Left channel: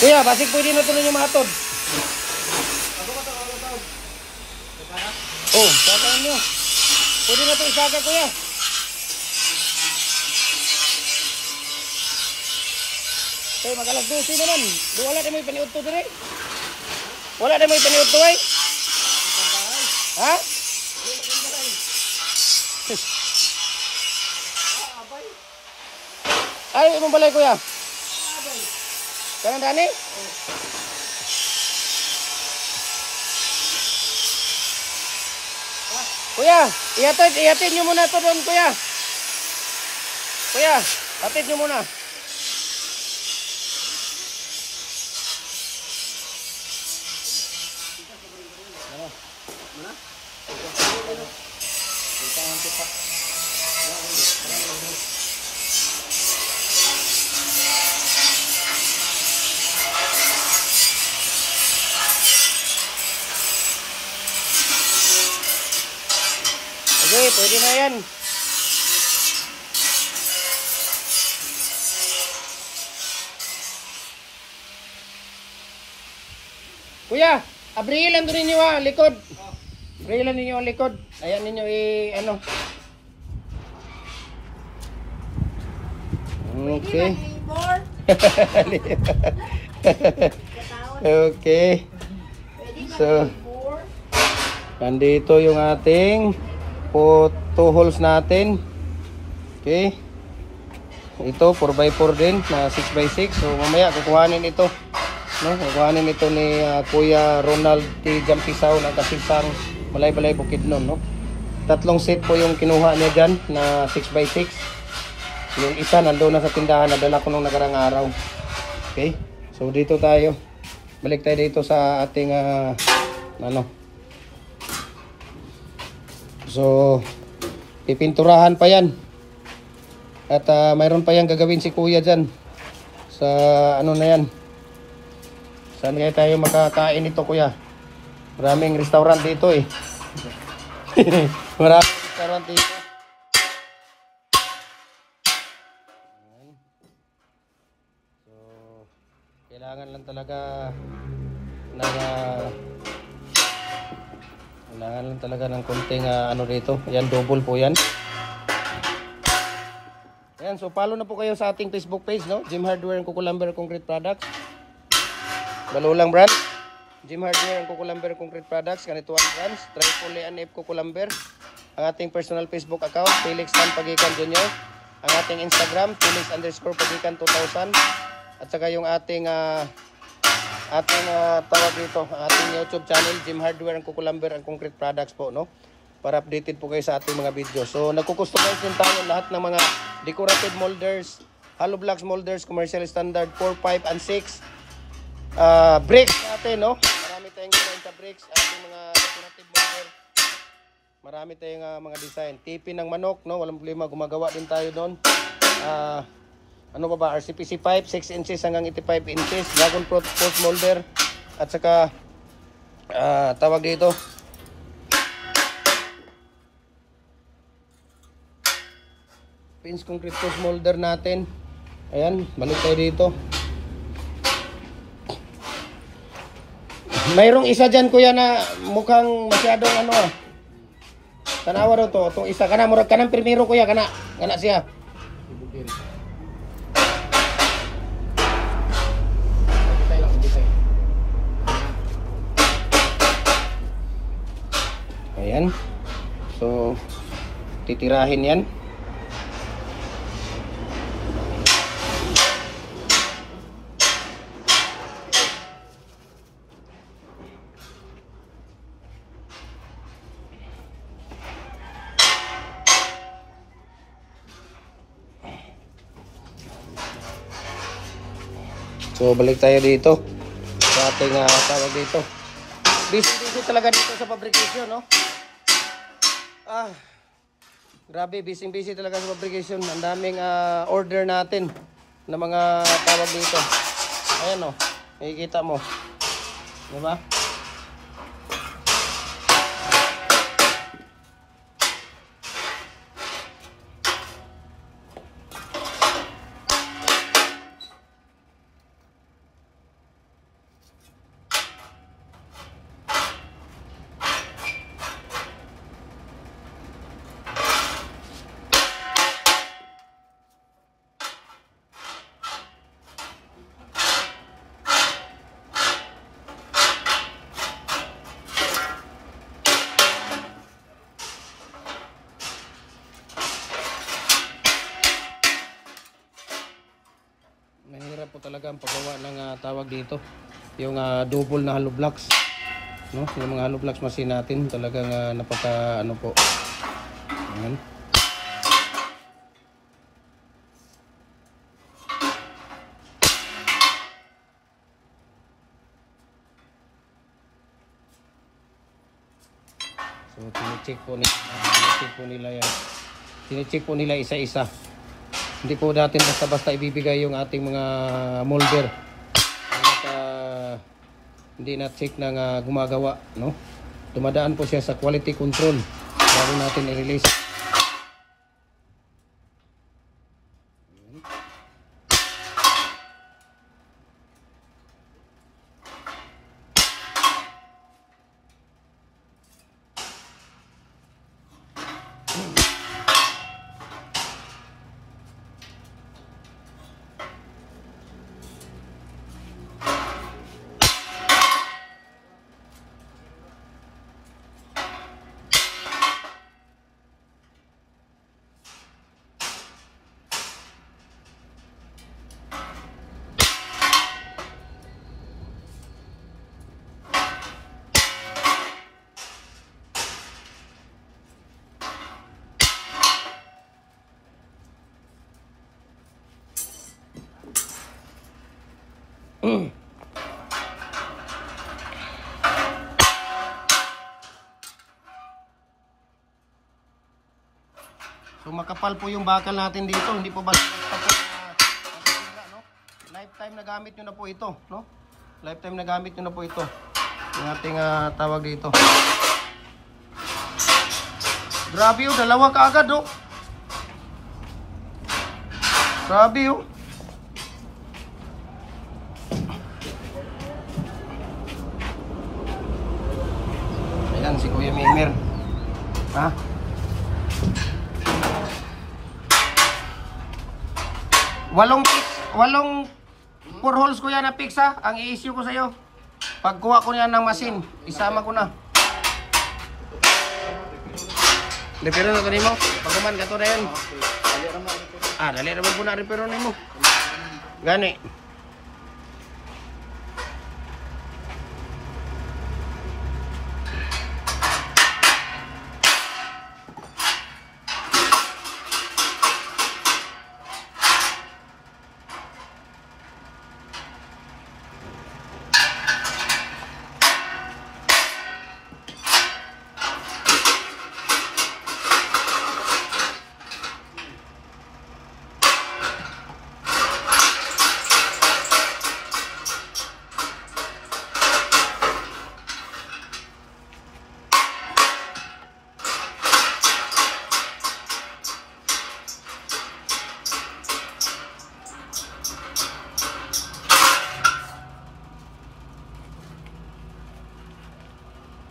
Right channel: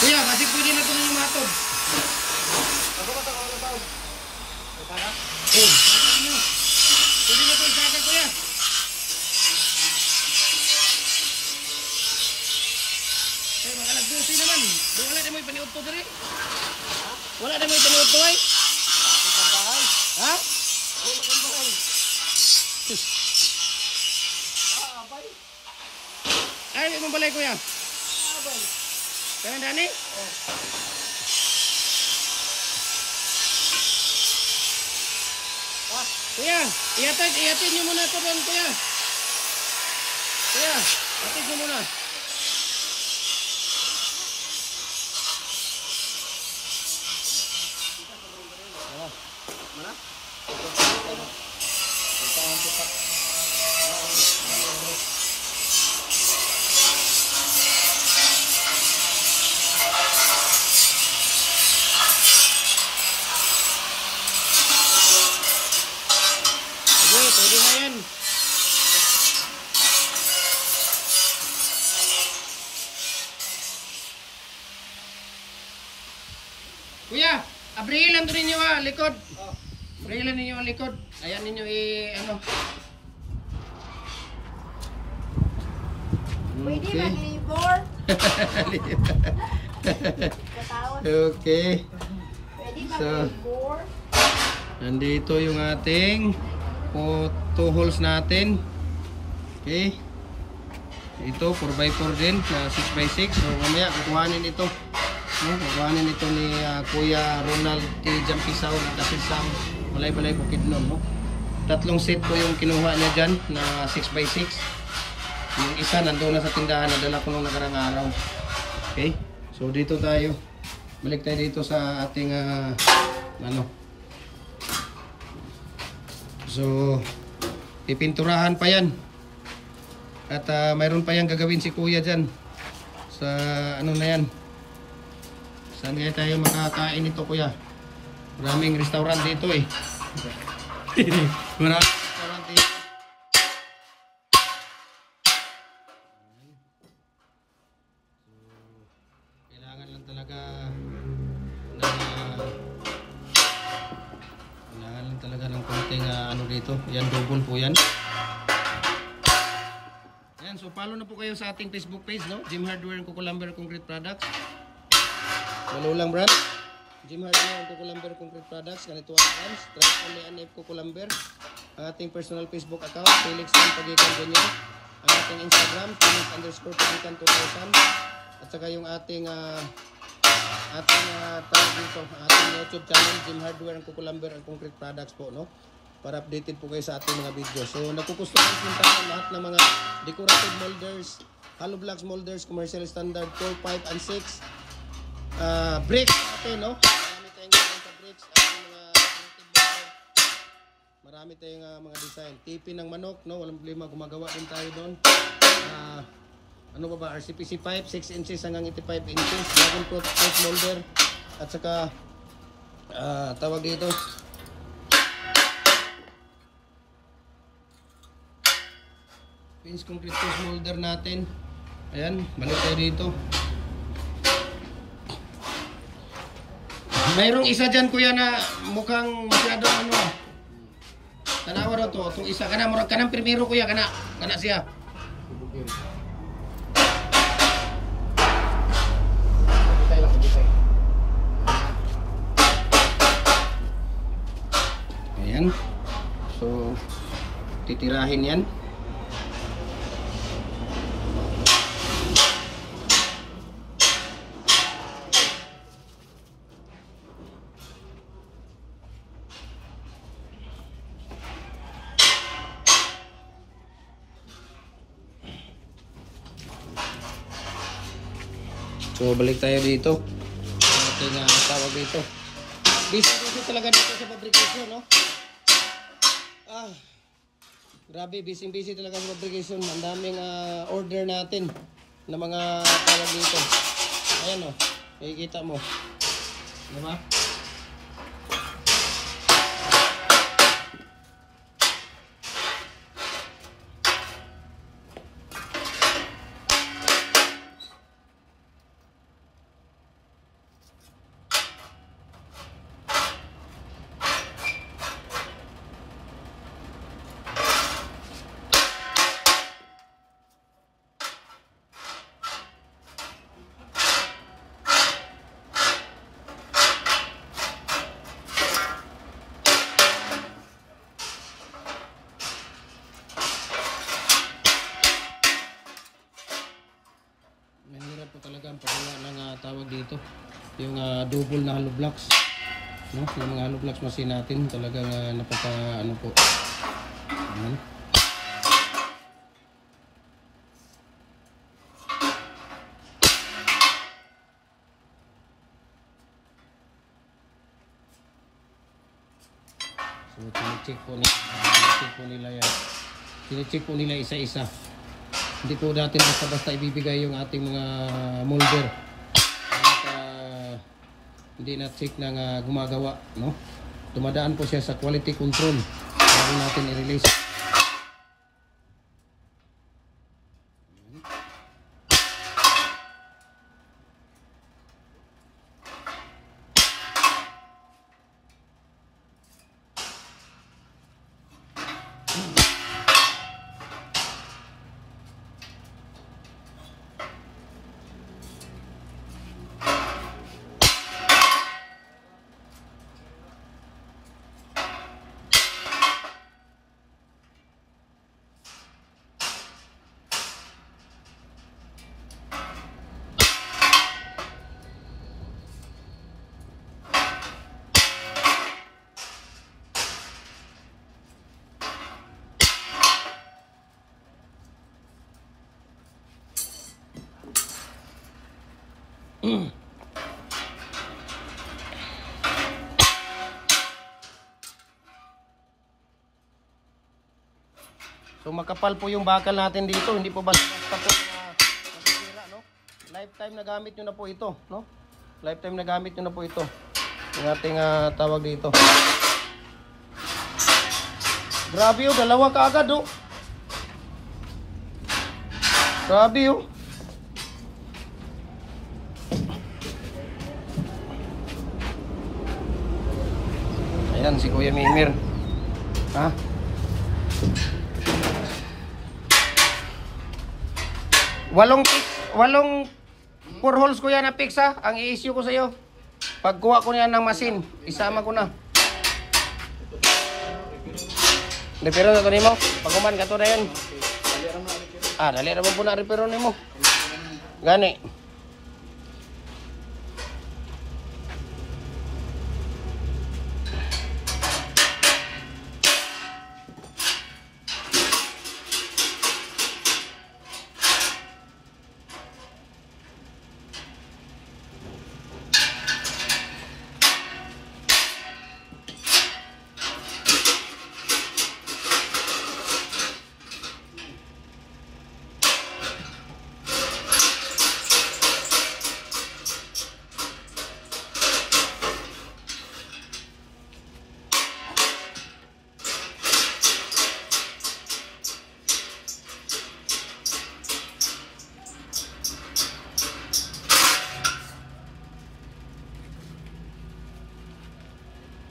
Kuya, basig pwede na ito ninyo matod. Oh, sagaan nyo. Pwede na ito isaga, kuya. Okay, magalag 12 naman. Wala na mo ipaniud to dire. Wala na mo ipaniud to ay. Ha? Ay, imong balay kuya. Kanan dani? Kuya, ihatid nyo muna ito doon, kuya. Kuya, hatid nyo muna. Okay, pwede na yan. Kuya, abrilan doon ninyo ang likod. Abrilan ninyo ang likod. Ayan ninyo ano. Okay. Okay. So, nandito yung ating two holes natin. Okay. Ito 4x4 din na 6x6. So mamaya kukuhanin ito. No, kukuhanin ito ni Kuya Ronald T. Jampisaw ng Kasinsang Balay-Balay Bukidnon, no. Tatlong set po yung kinuha niya diyan na 6x6. Yung isa nandoon na sa tindahan, nadala ko nung nakarang araw. Okay. So dito tayo. Balik tayo dito sa ating ano. So, pipinturahan pa yan. At mayroon pa yan gagawin si Kuya dyan. Sa ano na yan. Saan kaya tayo makakain ito, Kuya? Maraming restaurant dito eh. Maraming restaurant dito. So, kailangan lang talaga na kailangan lang talaga ng konting ano dito. Yan, double po yan. Ayan, so follow na po kayo sa ating Facebook page, no? Jim Hardware and Kukulamber Concrete Products. Balulang brand. Jim Hardware and Kukulamber Concrete Products. Ganito ang brands. Tripoli and F Kukulamber. Ang ating personal Facebook account, Felix Tan Pagikan Jr. Ang ating Instagram, Felix_Pagikan 2000. At saka yung ating tawag dito, ating YouTube channel, Jim Hardware and Kukulamber and Concrete Products po, no? Para updated po kayo sa ating mga video. So, nagkukustomize din tayo lahat ng mga decorative molders, hollow blocks molders, commercial standard 4, 5, and 6. Bricks natin, no? Marami tayong sa bricks, ating mga decorative molder. Marami tayong mga design. Tipi ng manok, no? Walang problema, gumagawa din tayo doon. Ano pa ba? RCPC pipe, 6 inches hanggang 85 inches. Dragon fruit molder. At saka, tawag dito, pins concrete post molder natin. Ayan, balik tayo dito. Mayroong isa dyan, Kuya, na mukhang masyadong ano. Kanawa ro to. Itong isa, kanang primero, Kuya, kana siya. Ayan. So, titirahin yan. So, balik tayo dito sa ating tawag dito. Busy talaga dito sa fabrication, no? Grabe, busy talaga sa fabrication. Ang daming order natin na mga tawag dito. Ayan, oh. Makikita mo. Diba? tawag dito, yung double na hollow blocks, no? Yung mga hollow blocks machine natin talagang napaka ano po. Ayan. So tinicheck po nila yan. Tinicheck po nila isa-isa. Hindi po natin basta-basta ibibigay yung ating mga molder. At hindi na check na gumagawa, no? Dumadaan po siya sa quality control bago natin i-release. So makapal po yung bakal natin dito, hindi po ba lifetime na gamit nyo na po ito, no? Lifetime na gamit nyo na po ito. Yung ating tawag dito. Grabe oh, dalawa kaagad oh. Grabe oh. Ayan si Kuya Mimir. Ha? Walong 4 holes ko yan na fix ha. Ang i-issue ko sa iyo. Pagkuha ko yan ng machine, isama ko na. Repero na ito nimo. Pagkaman ka ito na yun. Dali naman po na repero nimo. Gani.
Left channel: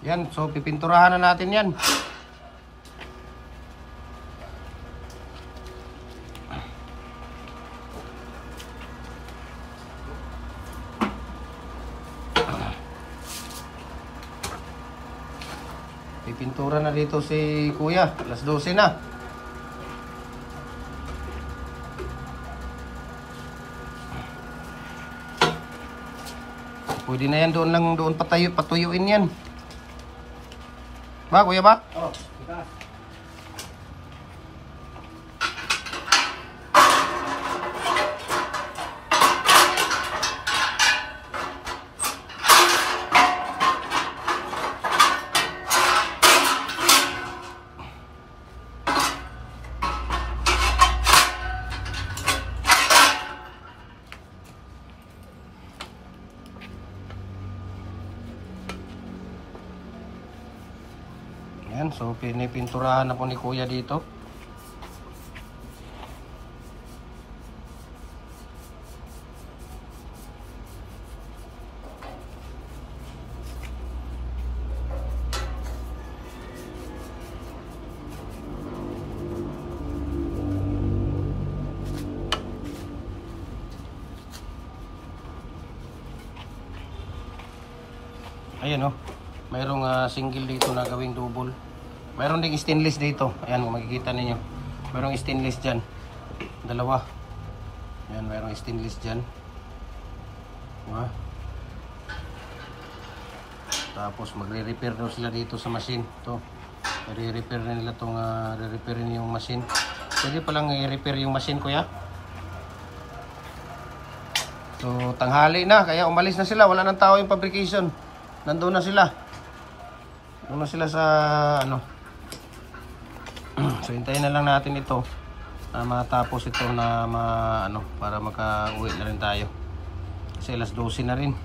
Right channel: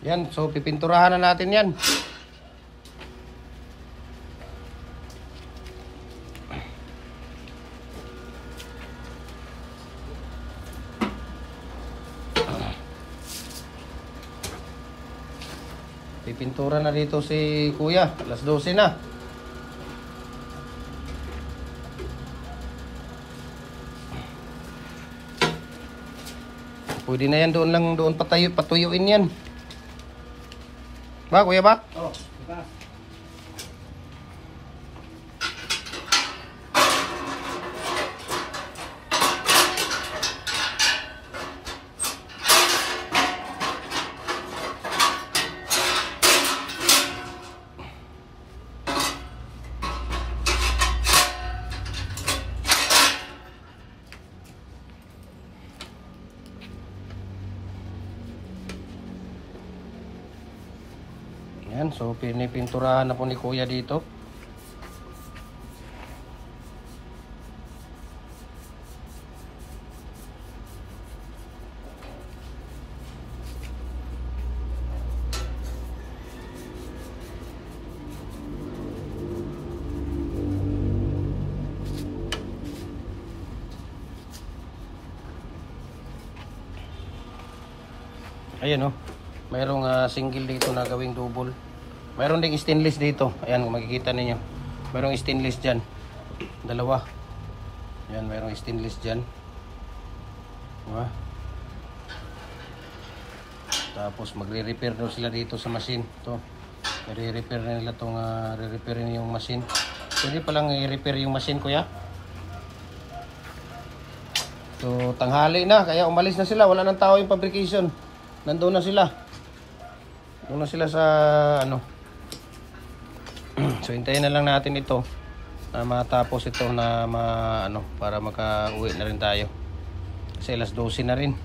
Yan, so pipinturahan na natin yan. Pipintura na dito si Kuya. Alas 12 na. Pwede na yan doon patuyuin yan. Ba, Kuya ba? Oo, kita. Yan, so pinipinturahan na po ni Kuya dito. Ayan oh. Mayroong single dito na gawing double. Mayroon ding stainless dito. Ayan, makikita niyo yan. Mayroong stainless dyan. Dalawa. Ayan, mayroong stainless dyan. Diba? Tapos magre-repair daw sila dito sa machine. Ito. I-repair na nila itong re-repair yung machine. Pwede palang i-repair yung machine, kuya. So tanghali na, kaya umalis na sila. Wala nang tao yung fabrication. Nandoon na sila. Doon na sila sa ano. So hintayin na lang natin ito na matapos ito na ano, para maka-uwi na rin tayo. Kasi alas 12 na rin.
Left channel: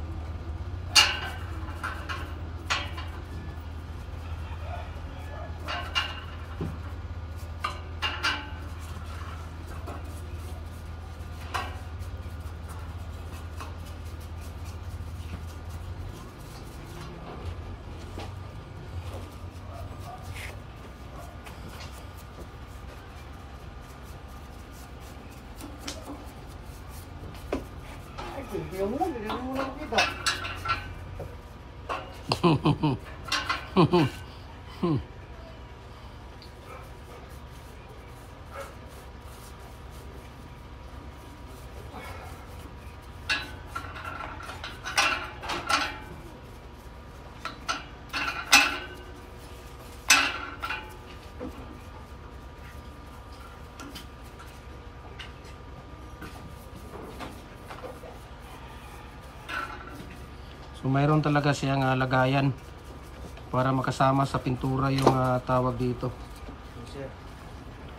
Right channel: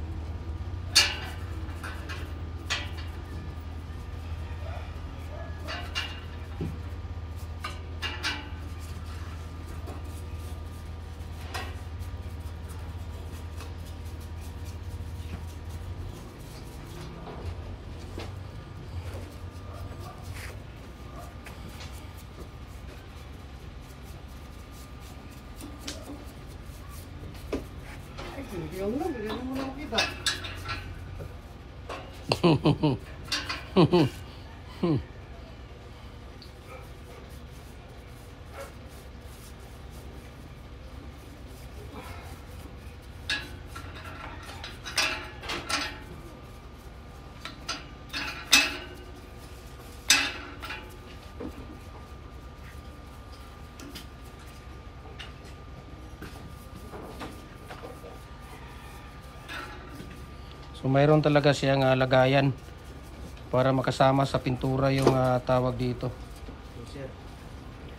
So mayroon talaga siyang lagayan para makasama sa pintura yung tawag dito.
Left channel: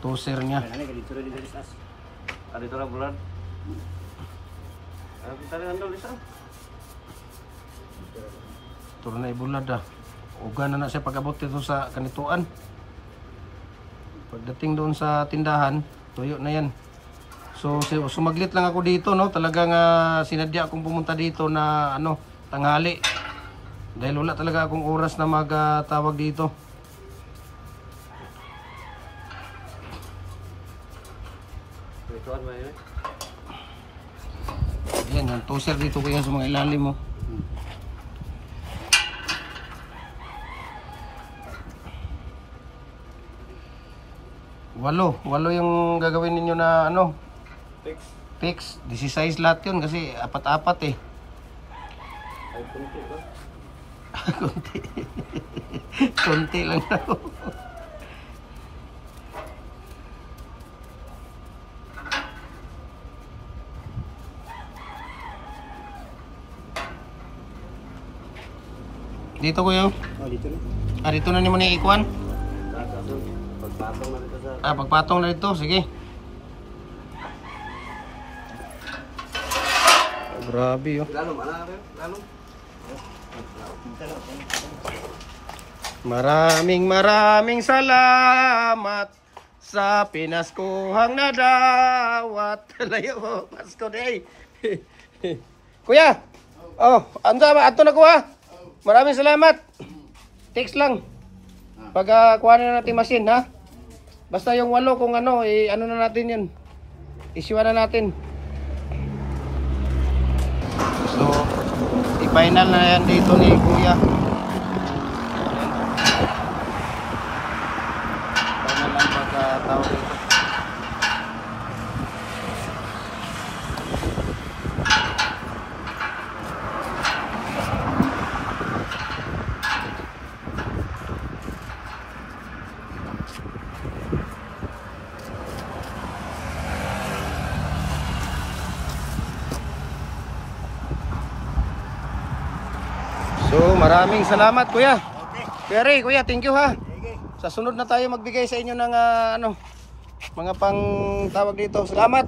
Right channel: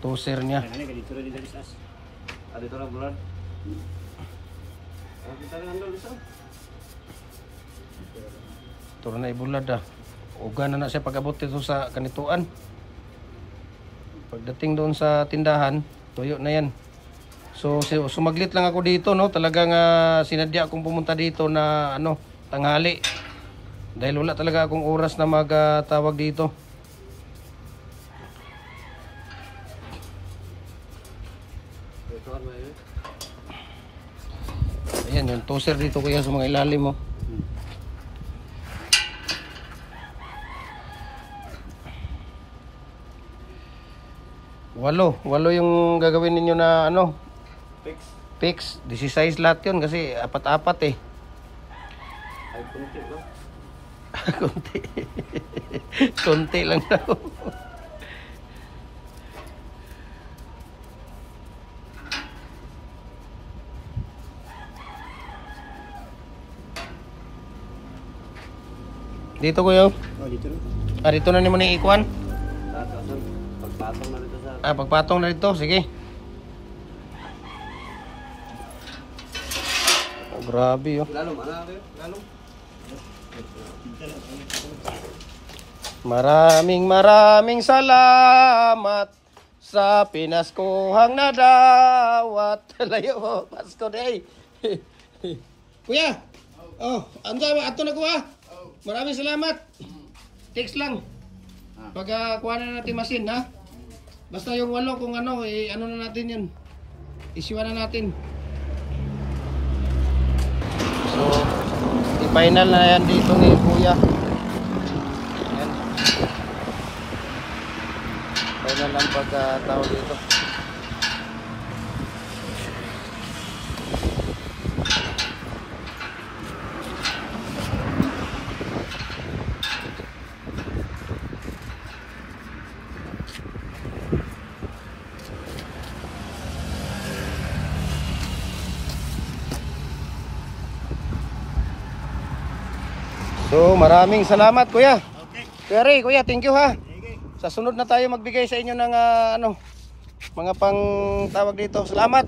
Toser niya. Ito na ibulad Uga na siya pag-abot dito sa kanituan. Pagdating doon sa tindahan, tuyo na yan. So sumaglit lang ako dito, no. Talagang sinadya akong pumunta dito na ano, tanghali. Dahil wala talaga akong oras na magtawag dito. Ayan, yung toser dito kaya sa mga ilalim mo. Walo yung gagawin ninyo na ano? Fix. 16 lahat yun kasi apat-apat eh. Ay, kunti ba? Kunti. Kunti lang daw. Dito kuya. Oh, dito na. Dito na naman yung ikuan. Pagpatong na dito sa... Pagpatong na dito. Sige. Grabe oh. Lalong, ano rin? Lalong? Maraming salamat sa pinaskuhang nadawat. Layo mo, Pasko day. Kuya. Oh, ato na kuha. Maraming salamat. Text lang. Pag kuha na natin machine, ha? Basta yung 8 kung ano, ano na natin yan. Issue na natin. So, i-final na yan dito ni Kuya. Ganyan lang pagkatawag dito. So maraming salamat kuya. Kuya Ray, kuya, thank you ha. Sa sunod na tayo magbigay sa inyo ng ano, mga pang tawag dito. Salamat.